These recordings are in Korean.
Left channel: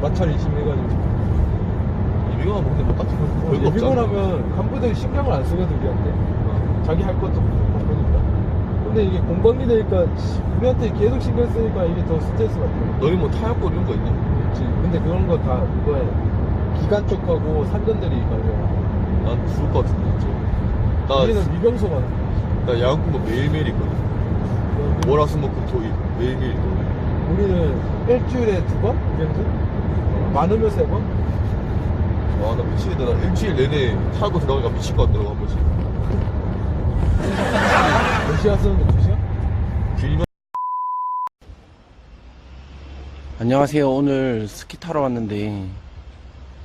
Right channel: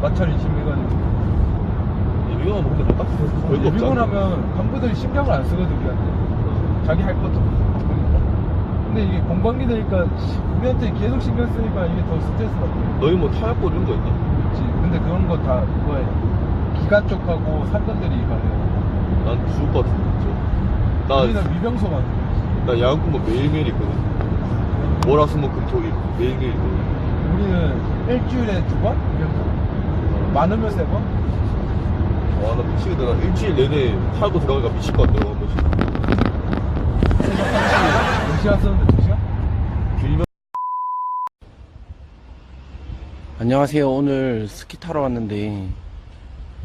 마찰이 심해가지고 미용하면 근데 뭐 딱히 뭐 별거 없잖아. 미곤하면 간부들이 신경을 안 쓰거든 우리한테 자기 할 것도 그러니까 근데 이게 공방기 되니까 우리한테 계속 신경 쓰니까 이게 더 스트레스 받고 너희 뭐 타협본 이런 거 있나? 그렇지 근데 그런 거 다 그거에 기가 쪽하고 상권들이 가면 난 죽을 것 같은데 진짜. 나, 우리는 미병소 가는 거야 나 야구만 매일매일 있거든. 월화수목금토일 매일매일 있거든. 우리는 일주일에 두 번? 미병소? 많으면 세 번? 아, 나 미치겠다. 나 일주일 내내 살고 들어가니까 미칠 것 같더라고, 한 번씩. 몇 시간 쓰는데 두 시간? 길면 안녕하세요. 오늘 스키 타러 왔는데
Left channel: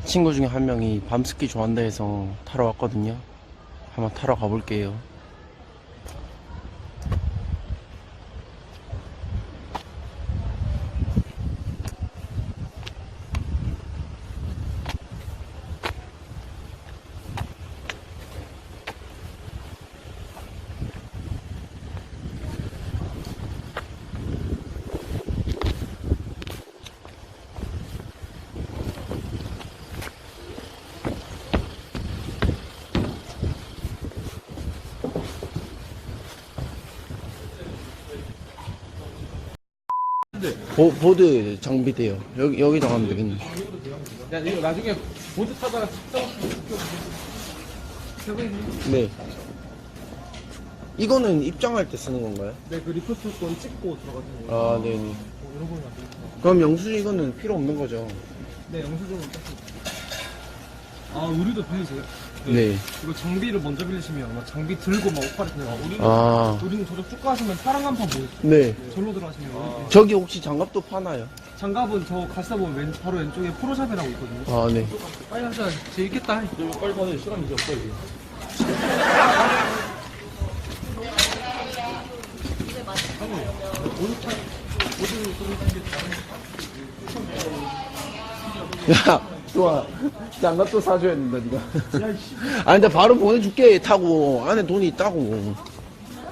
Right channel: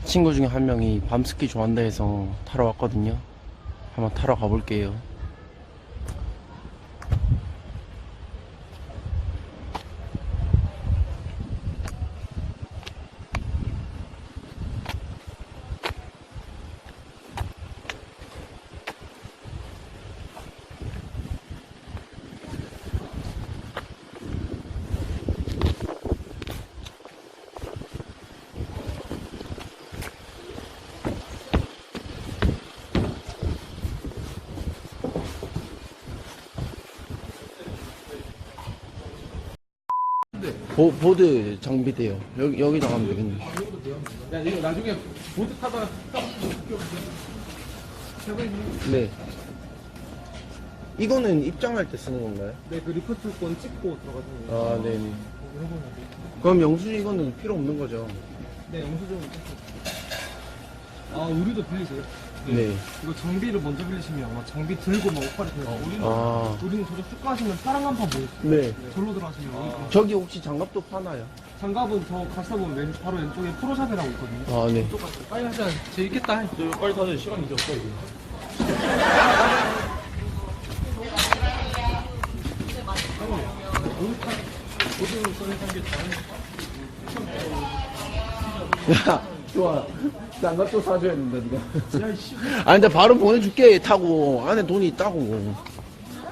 친구 중에 한 명이 밤 스키 좋아한다 해서 타러 왔거든요. 한번 타러 가볼게요. 보, 보드 장비대요. 여기, 여기다 가면 되겠네. 야 이거 나중에 보드 타다가 네. 이거는 입장할 때 쓰는 건가요? 네 그 리포트 건 찍고 들어가는 거 아, 네네. 그럼 영수증 이거는 필요 없는 거죠? 네 영수증은 아 우리도 빌리세요? 네. 이거 장비를 먼저 빌리시면 아마 장비 들고 막 옷갈이 들어가 우리는 아, 우리는 저쪽 쭉 가시면 파란 간판 보이죠? 네. 절로 들어가시면 우리 저기 혹시 장갑도 파나요? 장갑은 저 갔다 보면 왼, 바로 왼쪽에 프로샵이라고 있거든요 아, 네. 빨리 하자 재밌겠다 너 이거 빨리 타는 시간이 이제 없어, 이제. 야, 좋아. 장갑도 사줘야 된다, 니가. 아, 근데 바로 보내줄게, 타고. 안에 돈이 있다고.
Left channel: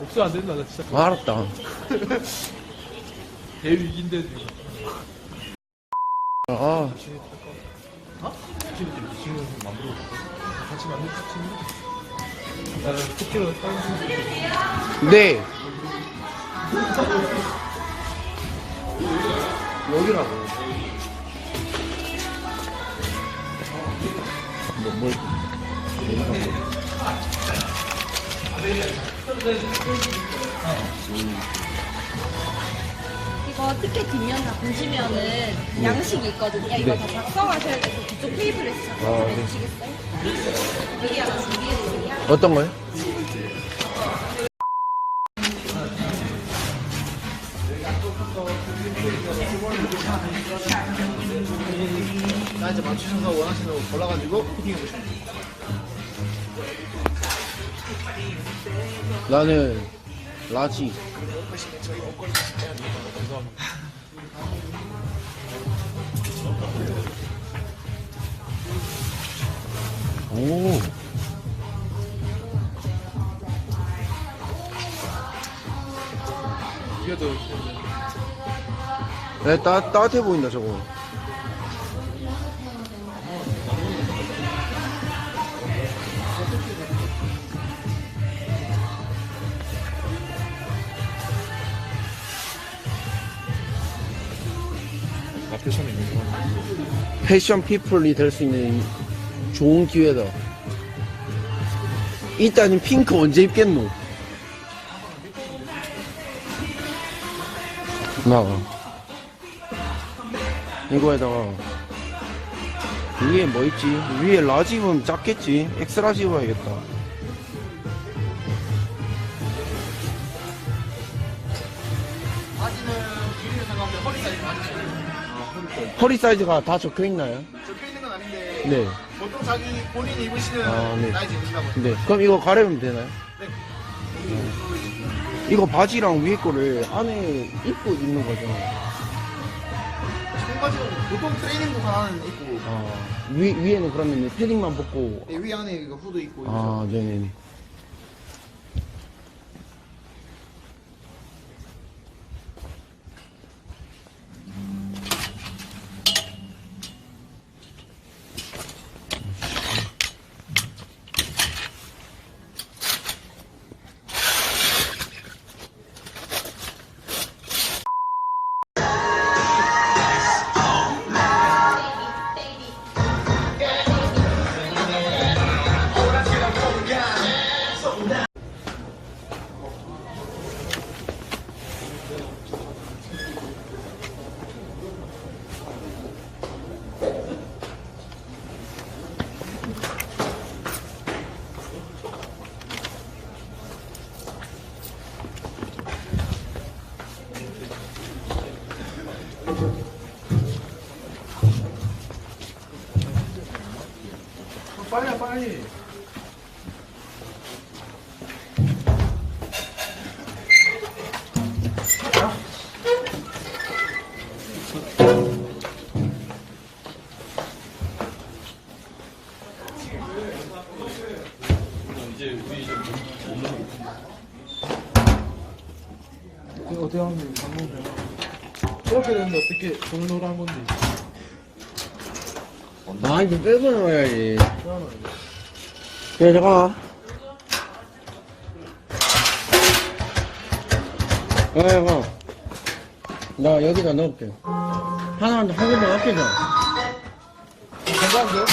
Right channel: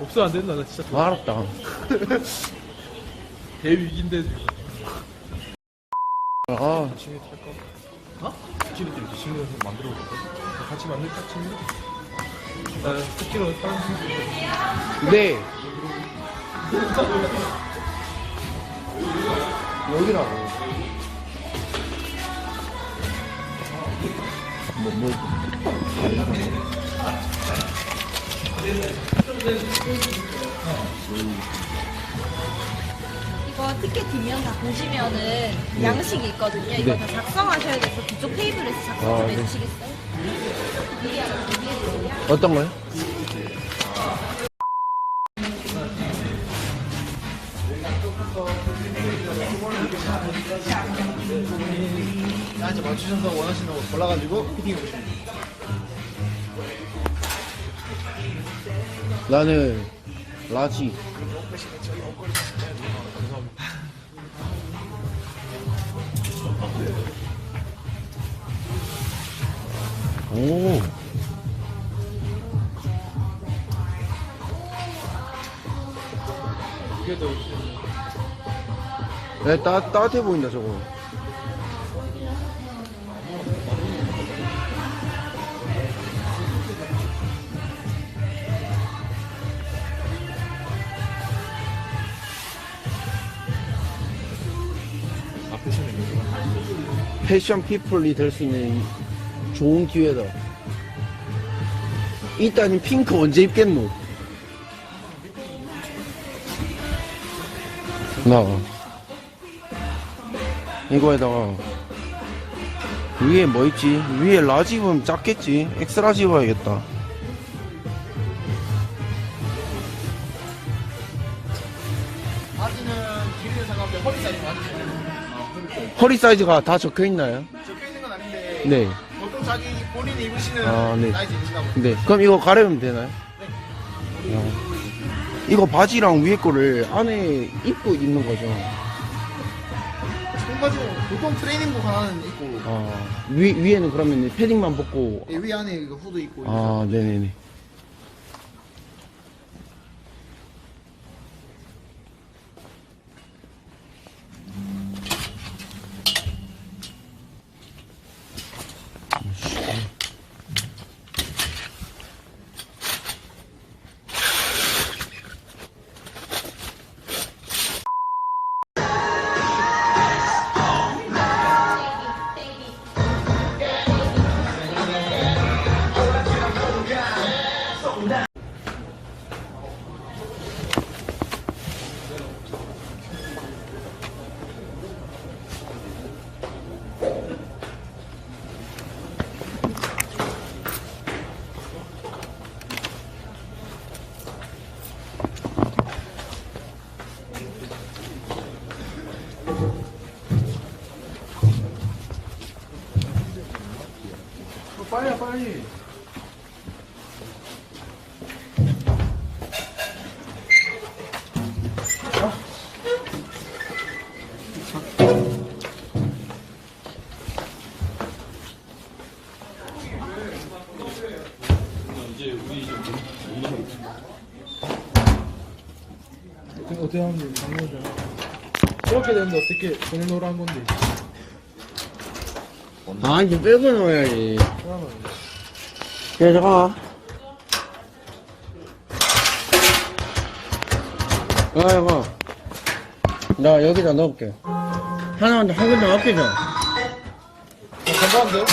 없어 안 된다 나 진짜 아, 알았다. 대위기인데 아, 지금 만들어 볼까? 같이 만들 같이 아, 특기로 다른 친구 네. 여기라고. 뭐, 뭘. 아, 뭐. 이거 티켓 뒷면 다 보시면은 양식이 있거든요. 이거 네. 다 작성하셔야 돼서 그쪽 테이블에 아, 작성해 네. 주시겠어요? 미리 하나 준비해주세요. 어떤 거요? 나한테 맞추신 거 원하시는 거 골라가지고 피팅해 보시면 돼요 나는 라지. 오. 네, 따, 따뜻해 보인다, 저거. 아, 패션이 패션 피플이 될 수 있는 좋은 기회다. 일단은 핑크 언제 입겠노? 나가. 이거에다가 위에 뭐 있지? 위에 라지 입으면 작겠지? 엑스라지 입어야겠다. 허리 사이즈가 다 적혀 있나요? 적혀 있는 건 아닌데 네. 보통 자기 본인이 입으시는 아, 네. 사이즈 입는다고 네. 그럼 이거 가려면 되나요? 네. 어. 이거 바지랑 위에 거를 안에 입고 입는 거죠. 청바지는 보통 트레이닝복 하나는 입고 아, 위, 위에는 그러면 패딩만 벗고. 예, 위 안에 이거 후드 입고 아, 네네네. 이렇게 어떻게 정로를 한 건데? 아, 이제 빼고 넣어야지. 그래, 잠깐만. 아, 잠깐. 나 여기다 넣을게. 하나, 한 군데 아껴줘. 건강한데?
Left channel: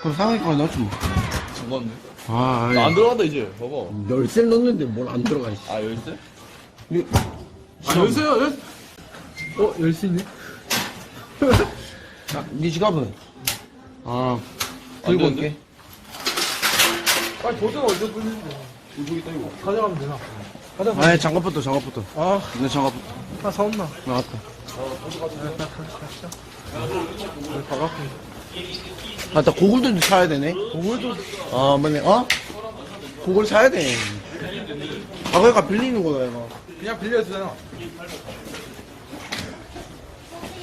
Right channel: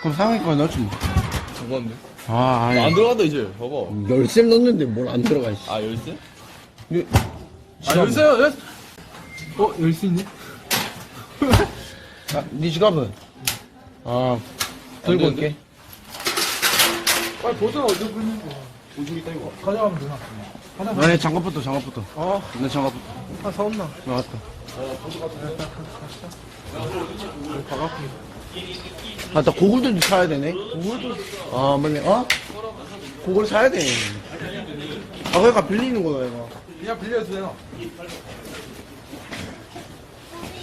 그럼 상위까지 넣지 뭐. 잠깐만. 아, 아니. 안 들어간다, 이제. 봐봐. 열쇠 넣는데 뭘 안 들어가, 있어. 아, 열쇠? 아 열쇠요 열쇠. 어 열쇠 있네? 아, 니 지갑은? 아, 안 들고 되는데? 올게. 아니 보드가 어디 있는 거야? 저기 있다, 이거. 가져가면 되나? 가자. 아니, 장갑부터, 장갑부터. 아, 내 장갑부터. 나 사온다. 나왔다. 가갖고. 아, 나 고글도 사야 되네. 오늘도 아, 맞네. 어? 고글 사야 돼. 아, 그러니까 빌리는 거야, 이거. 그냥 빌려도 되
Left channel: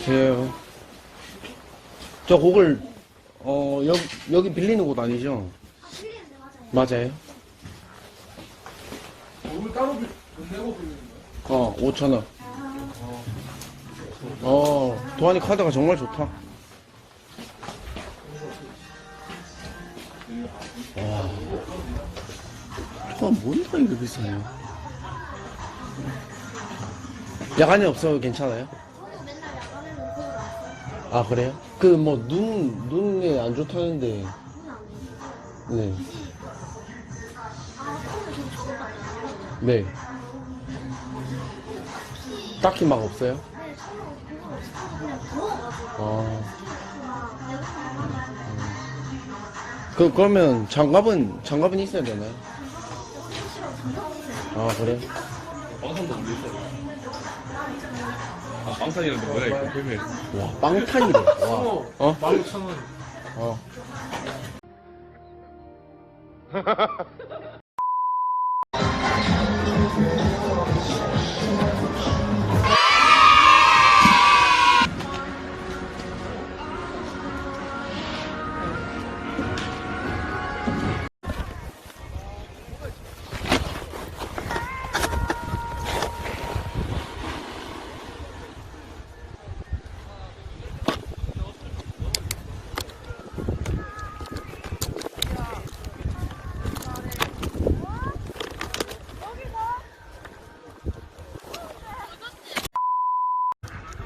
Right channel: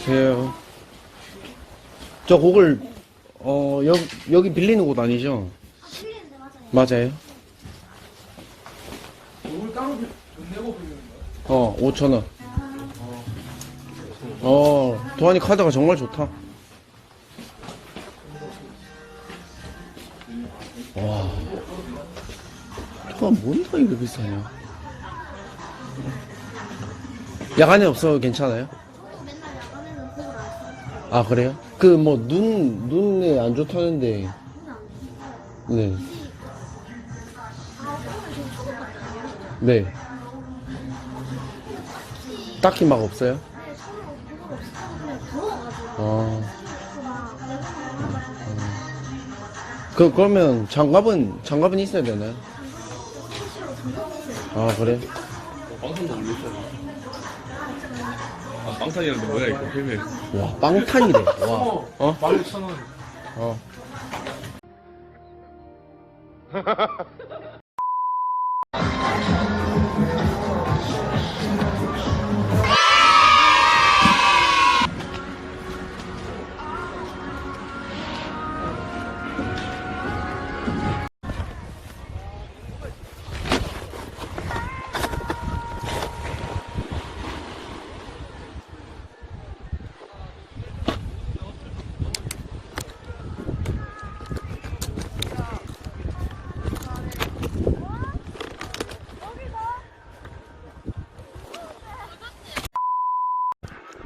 나? 제, 저 고글, 어, 여기, 여기 빌리는 곳 아니죠? 맞아요. 오늘 따로 빌, 내고 빌리는 거야? 어, 5천 원. 어, 도안이 카드가 정말 좋다. 와. 도안 뭔가 이거 비싸냐. 야간에 없어도 괜찮아요? 맨날 야간에는 그걸 안 써. 아, 그래요? 그, 뭐, 눈, 눈에 안 좋다는데. 네. 네. 딱히 막 없어요? 어. 그, 그러면 장갑은, 장갑은 있어야 되나요? 아, 그래? 빵판도 올렸어. 아, 빵판이라는데 뭐야, 이거. 헬멧. 와, 빵판이래. 와. 어? 16,000원. 어.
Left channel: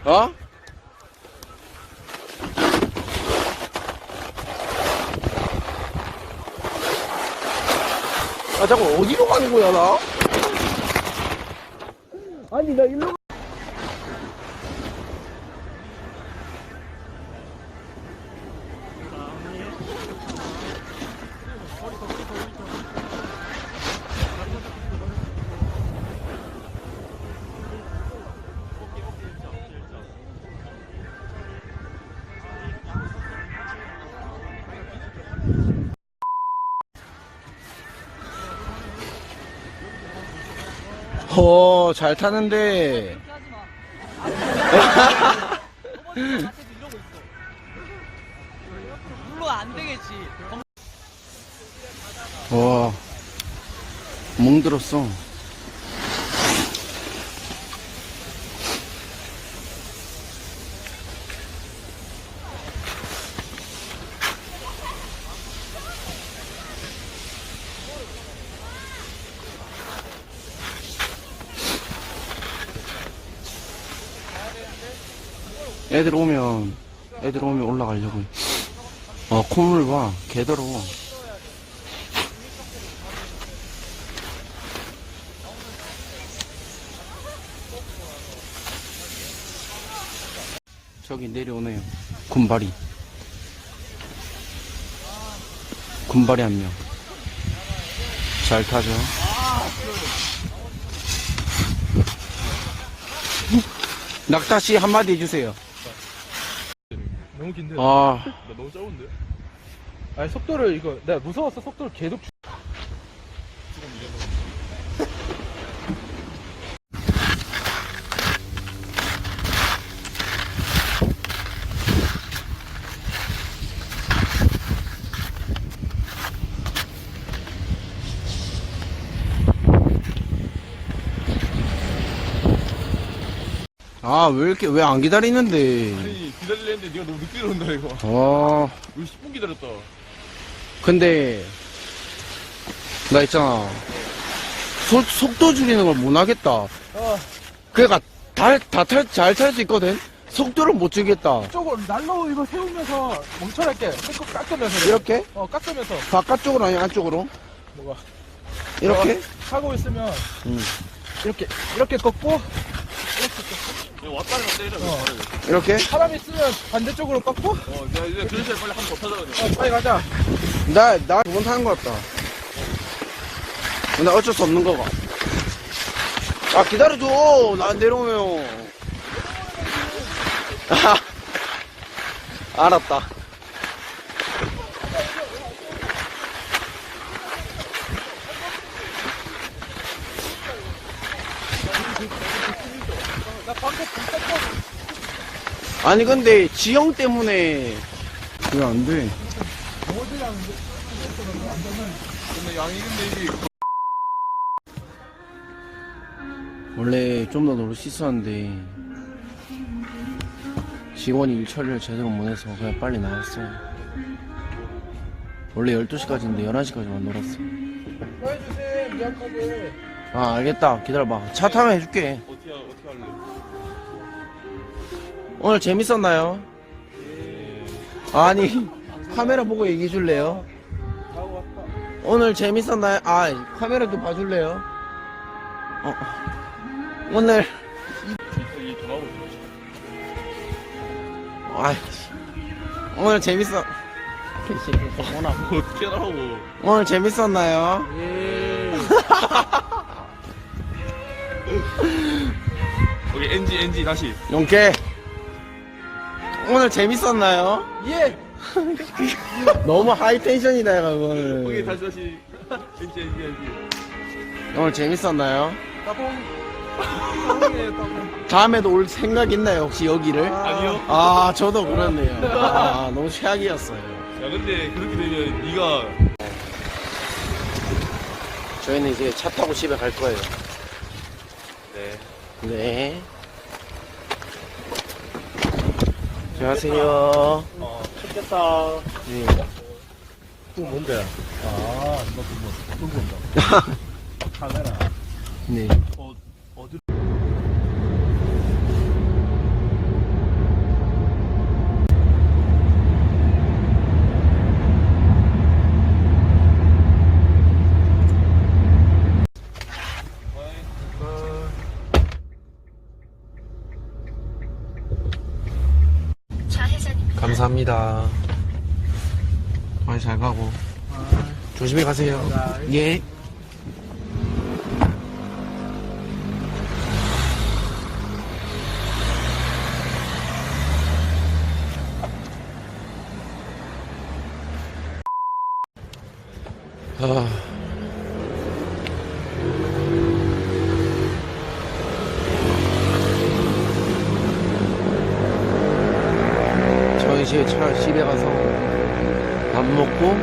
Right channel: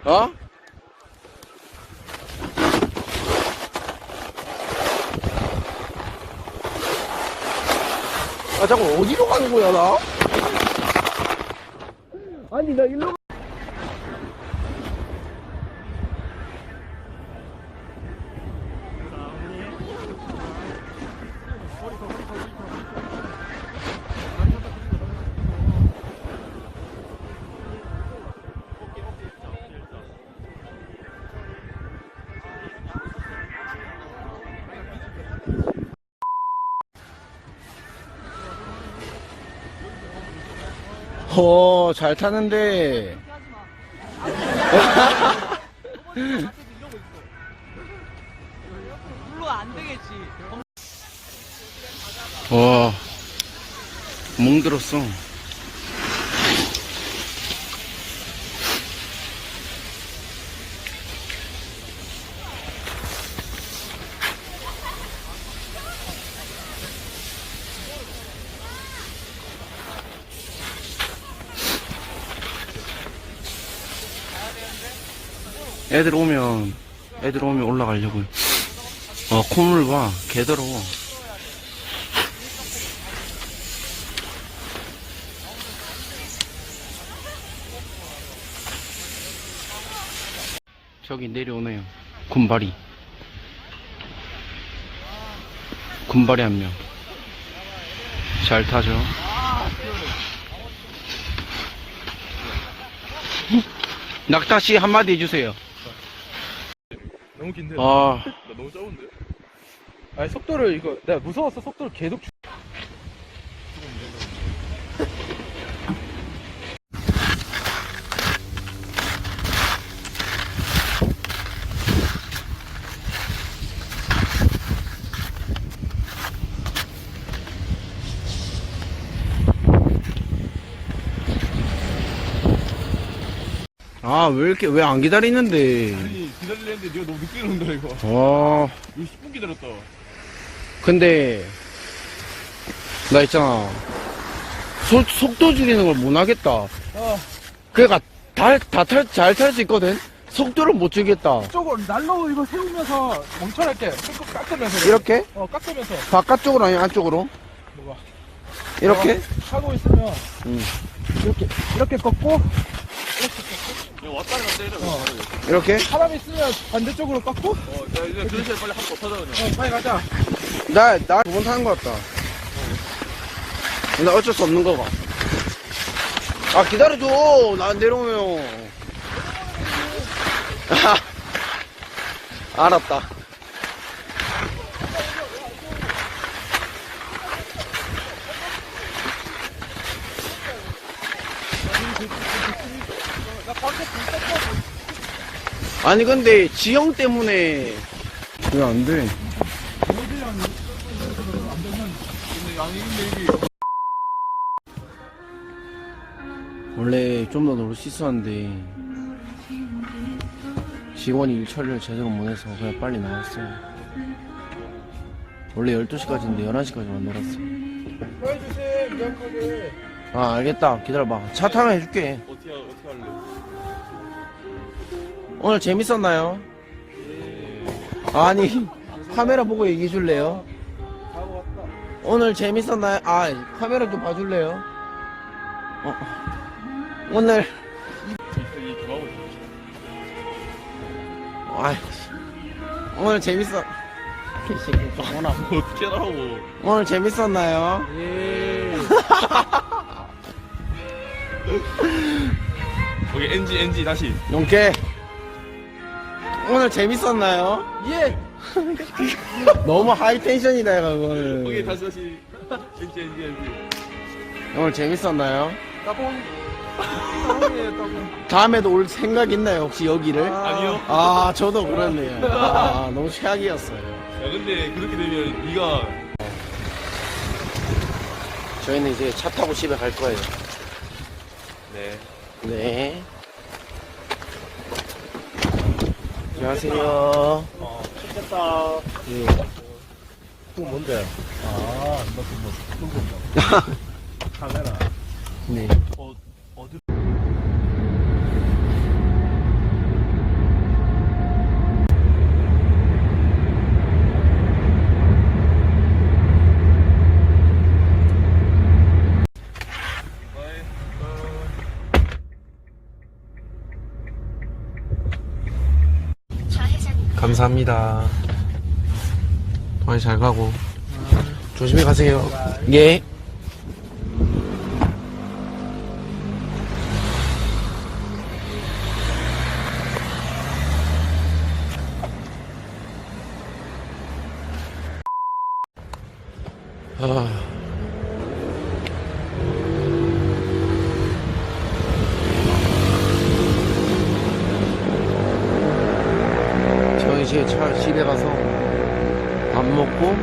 어? 아, 자꾸 어디로 가는 거야, 나? 아니, 나 일로 어, 잘 타는데. 와, 멍들었어. 애들 오면, 애들 오면 올라가려고요. 어, 콧물 봐. 개더러워. 저기 내려오네요. 군발이. 군발이 한 명. 잘 타죠? 낙타씨 한마디 해주세요. 너무 긴데? 아, 나 너무 작은데? 아니 속도를 이거 내가 무서워서 속도를 계속 줄- 아, 왜 이렇게, 왜 안 기다리는데. 아니 기다리려는데 네가 너무 늦게 온다 이거 어, 우리 10분 기다렸다 근데, 나 있잖아. 속, 속도 줄이는 걸 못 하겠다. 그러니까, 달, 다 탈, 잘 탈 수 있거든? 속도를 못 줄이겠다. 이쪽으로 날로 이거 세우면서 멈춰랄게 깎- 깎으면서 이렇게? 어 깎으면서 바깥쪽으로 아니 안쪽으로? 뭐가? 이렇게? 하고 있으면 응. 이렇게 이렇게 꺾고 왔다 갔다 해야 돼 이렇게? 사람이 쓰면 반대쪽으로 꺾고 어, 나 이제 그런 시간 빨리 한번 더 타자 그냥 빨리 가자 나, 나 두 번 타는 것 같다. 나 어쩔 수 없는 거가. 아, 기다려줘. 나 내려오면. 아, 알았다. 아니, 근데 지형 때문에 왜안 돼? 원래 좀더 노를 씻었는데 직원이 일 처리를 제대로 못해서 그냥 빨리 나왔어요. 원래 12시까지인데 11시까지만 놀았어요. 아 알겠다. 기다려봐. 차 타면 해줄게 오늘 재밌었나요? 아니 카메라 보고 얘기해 줄래요? 오늘 재밌었나요? 아 카메라 좀 봐줄래요? 어. 오늘 아 오늘 재밌어 이 새끼 저거나 어떻게 하라고 오늘 재밌었나요? 예 거기 NG NG 다시 용케 오늘 재밌었나요? 예. 너무 하이 텐션이다 이거 거기 오늘 다시 다시. NG NG NG 오늘 재밌었나요? 따봉. 따봉이에요 따봉. 다음에도 올 생각 있나요 혹시 여기를? 아니요. 아 저도 그렇네요. 아 너무 최악이었어요. 야 근데 그렇게 되면 네가 저희는 이제 차 타고 집에 갈 거예요. 네. 네 안녕하세요 좋겠다 예. 또 뭔데 아 너또 뭐, 또 본다 카메라 네. 어 어디 감사합니다. 많이 잘 가고. 조심히 가세요. 예. 아. 저 이제 차 집에 가서 밥 먹고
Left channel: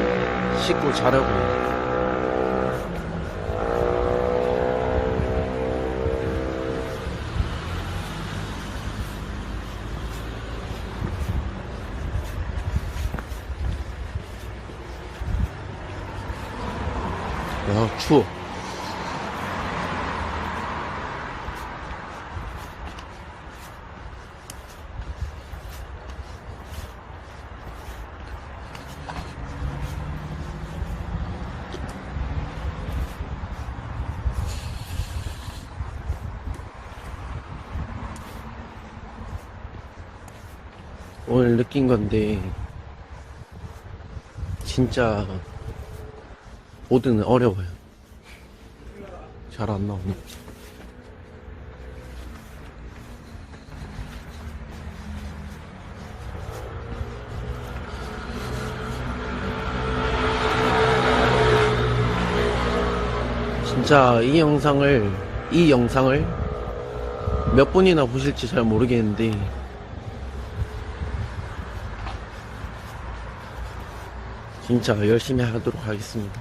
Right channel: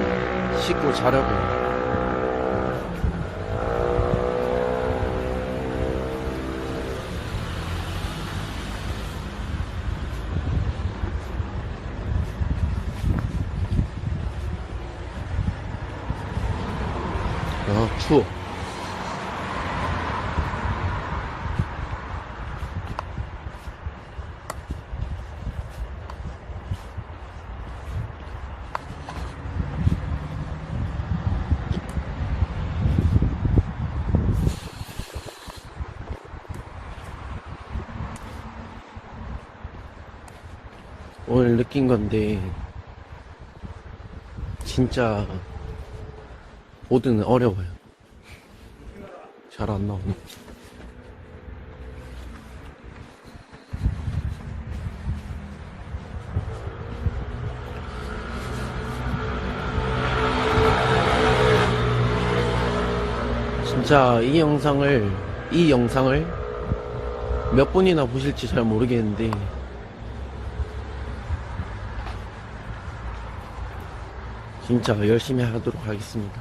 씻고 자려고요. 아 추워. 생긴 건데 진짜 보드는 어려워요. 잘 안 나오네. 진짜 이 영상을 이 영상을 몇 분이나 보실지 잘 모르겠는데 진짜 열심히 하도록 하겠습니다.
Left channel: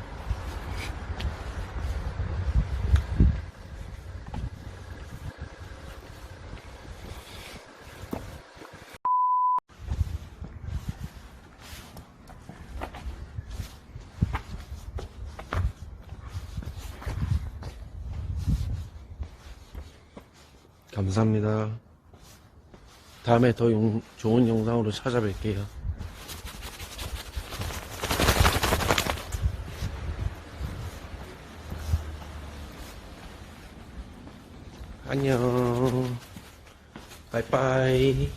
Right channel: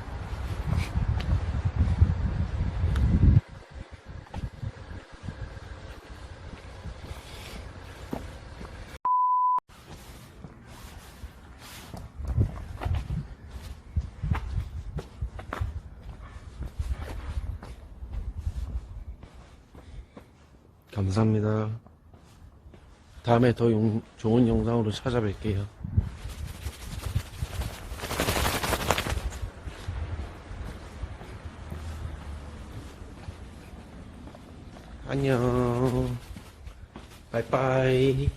감사합니다. 다음에 더 용- 좋은 영상으로 찾아뵐게요. 안녕. 바이바이.